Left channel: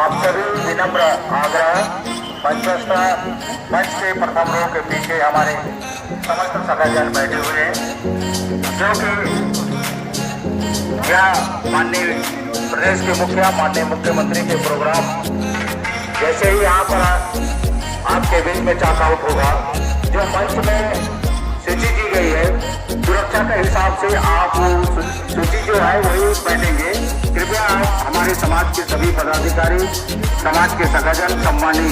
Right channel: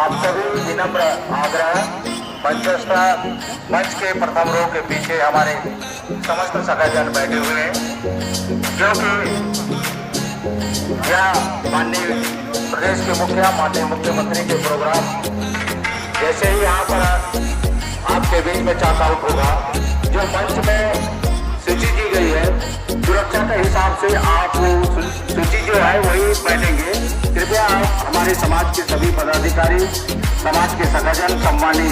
आप सभी विनम्र आग्रह मंचस्थ मंच के प्रथम रो के पीछे हमारे समस्त सखाजन बैठे हुए हैं, जो कि यह माननीय प्रदेश के मुखिया माननीय मुख्यमंत्री के प्रोग्राम जैसे ही यहाँ पर आपके बीच में चाक आउट होगा। जो मंच में सूची दी गई है, सुरक्षा के हिसाब से आप सूची जो है वही बैठेंगे। कृपया आप हमारे समाज के सभी पदाधिकारी, समाज के सगाजन, सम्मानी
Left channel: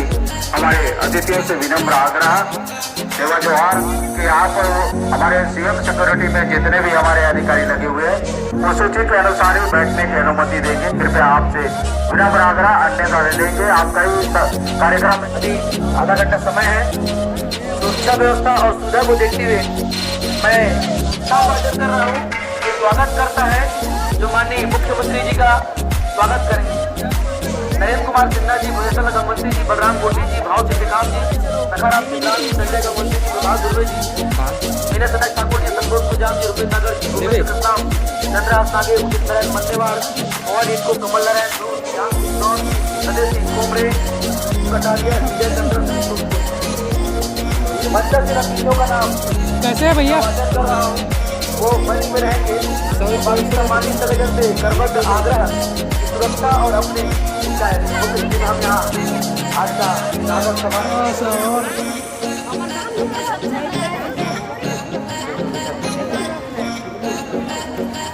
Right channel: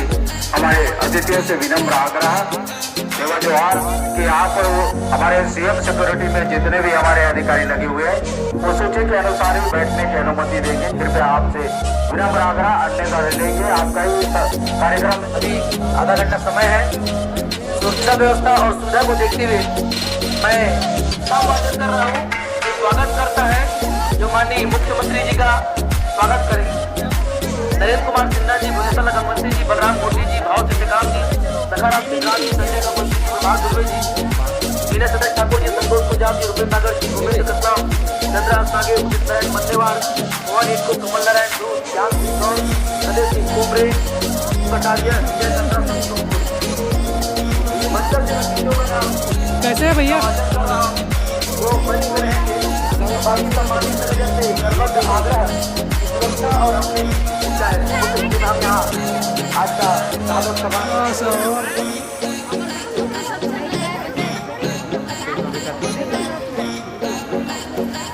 हमारे अतिथियों से विनम्र आग्रह एवं जोहार कि आप हमारे सीएम सिक्योरिटी में जितने भी हमारे अधिकारी लगे हुए हैं वो सूची के अनुसार ही बैठने की अनुमति देंगे। कृपया आपसे विनम्र आग्रह, अन्यथा दे देंगे। आपका ही कार्यक्रम अभी आधा घंटा समय है। सुरक्षा व्यवस्था और सुविधा को देखते हुए मैं स्वागत कर रहा हूँ। स्वागत करता है जो माननीय मुख्यमंत्री जी का स्वागत करें, नरेंद्र कुमार सिन्हा जी, मुझे लगा मंत्री जी, बलराम कोटी जी, भाव से विकास जी, नकाराम सिद्धार्थ जी, संजय कपूर जी, प्रभात दुबे जी, मेरे सदस्य ठाकुर जी, संतोष प्रजाप जी, रुपेश नागर जी, निवेश सत्ताव, चंद्रहास नागे, उदित नारायण मन्नेवाल, पवन इनको, कमल नारायण, अजय सिंह कोमरे, कटारिया, विजय चंद्र सिंह, मतलब जरा तीनों का नाम कैसे है भैया? वो बनी में रहेंगे। बाकी सम्मानित सदस्य से सर्वत्र आग्रह सुरक्षा और अपने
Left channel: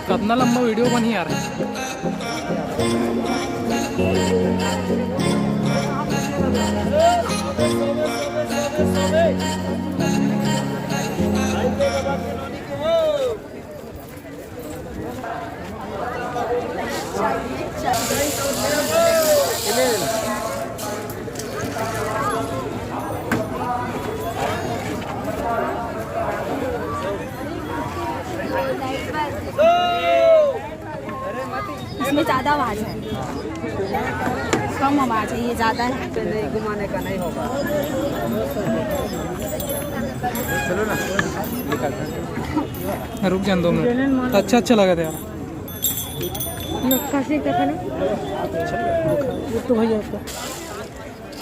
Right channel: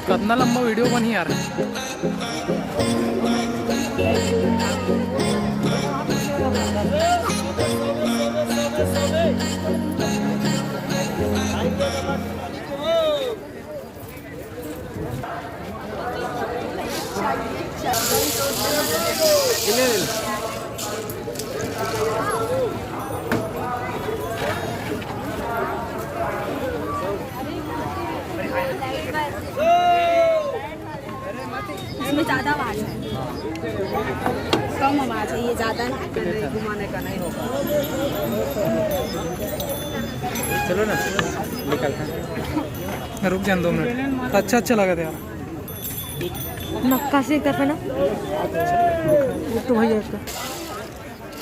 कितना लंबा वीडियो बनी यार। इसमें ज़्यादा आवाज़ है, कम आवाज़ है, ये ज़्यादा है, घुमाने का नहीं होगा। चलो ना, निकलते रुक जाए 2 मिनट। अच्छा लगा था यार। नक्काशी तक है ना, तो भैया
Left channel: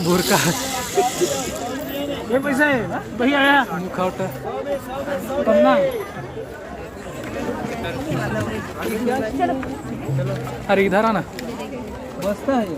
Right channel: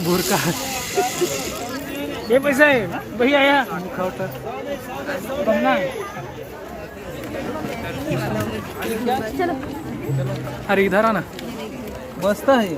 बुरका ये पैसा है भैया आया मुखौटा पन्ना। अरे इधर आना, बसता है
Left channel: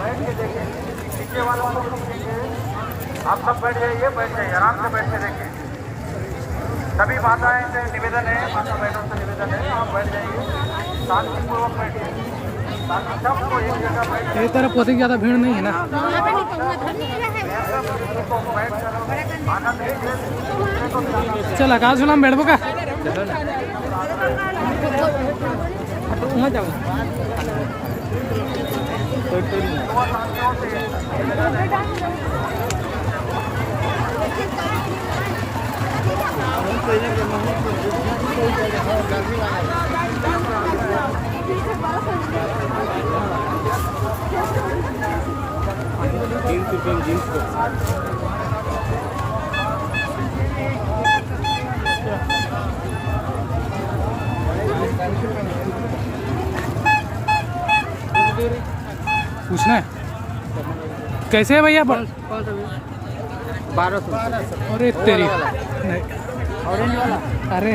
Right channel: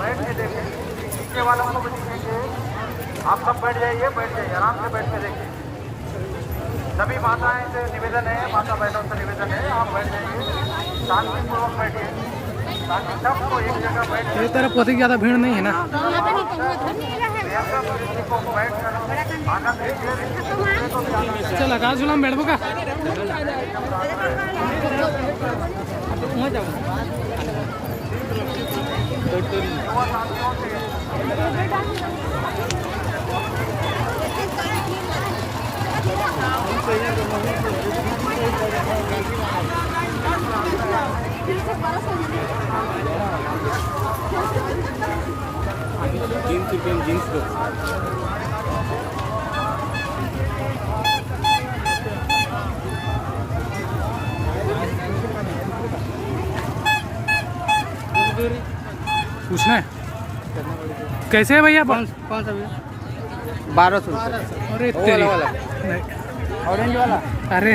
बैठ के देखें, पीछे वालों को आप सब बैठ जाइए, आराम से बैठ के देखें। सभी माताएं से निवेदन है, माता बहनों से निवेदन है, आप बैठ जाइए, शांतिपूर्वक बैठिए ताकि सबको एक जगह बैठ। ये तरफ बहुत ज़्यादा भीड़ नहीं है ना। आनंद लीजिए, दूसरे को भी आनंद। चल आकाश झूला में बैठबो का? पूछना है कैसे है भैया? 1200। अरे तेरी अरे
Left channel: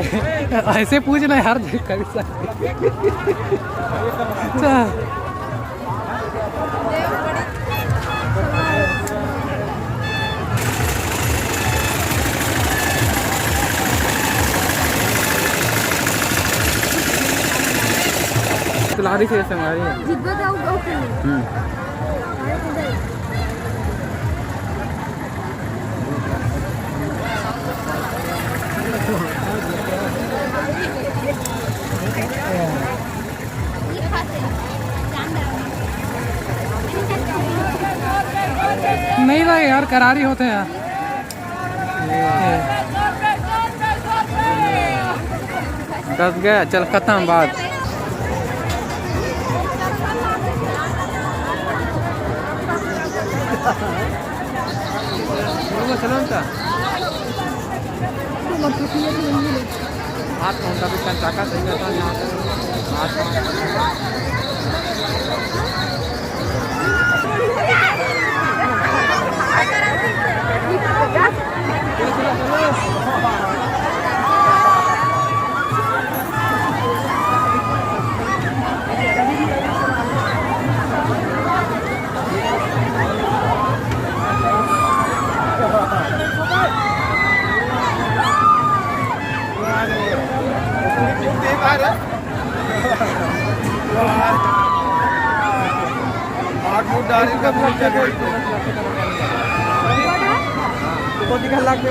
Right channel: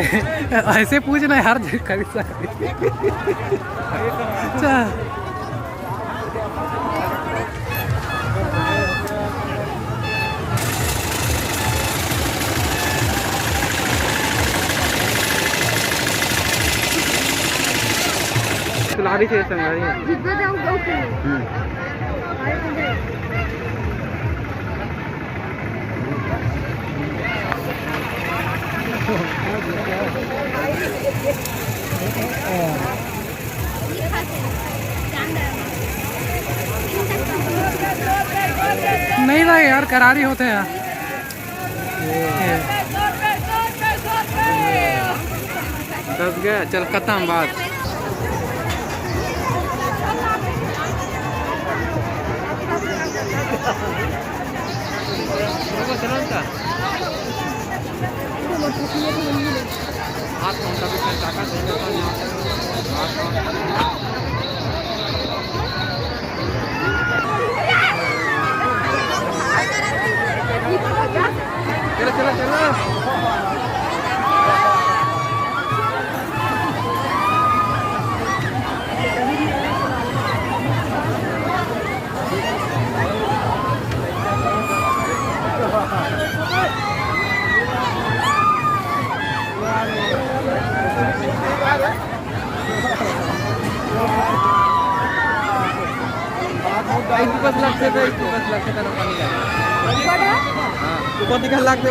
ऐसे पूछना है हर जगह। तिलाड़ी से संगारी है। नहीं भाई यार, करारी होते हैं यार। ये 10 गया, चल खत्म बात। तो दिखा लाख पे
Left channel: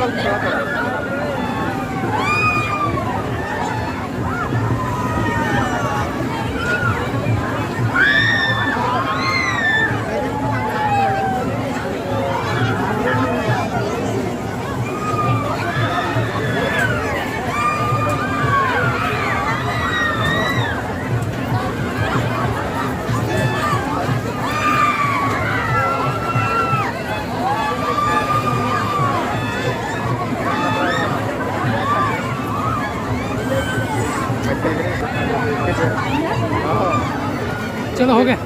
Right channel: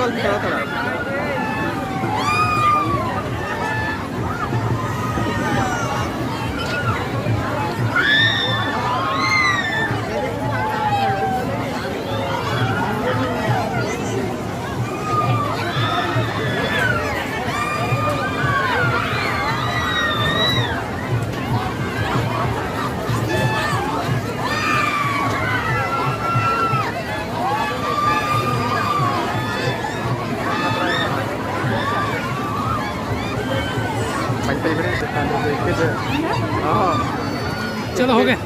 चलो हो गए।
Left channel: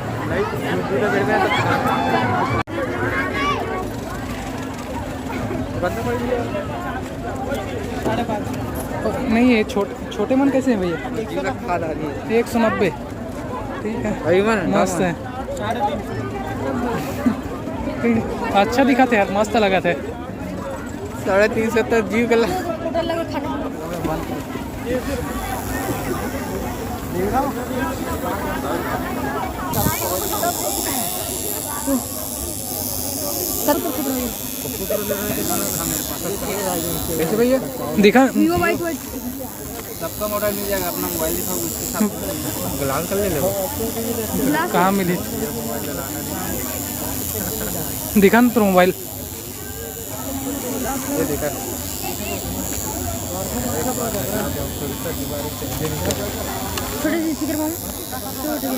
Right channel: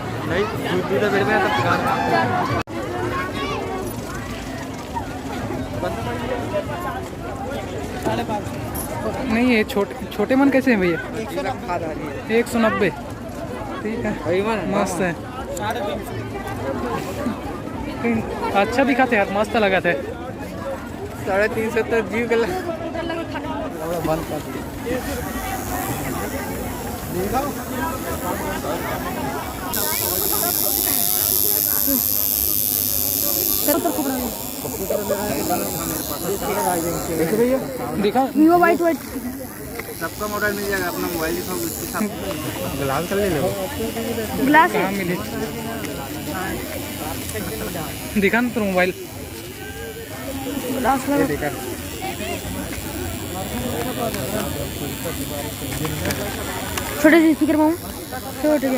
नहीं ये छोटे मन कैसे हैं भैया? 190। ठीक है, मस्त है। अच्छा दिखा थे यार, मस्त लगा थे। 350 जीव कर भैया दिखा सबका मॉडल मिल जाएगा। अपना मोबाइल दिखाओ, उसके साथ ग्लास ले लो। कहाँ मिली? दिखा ना तो मोबाइल। ये देखा छोटे से स्पीकर में छोटे से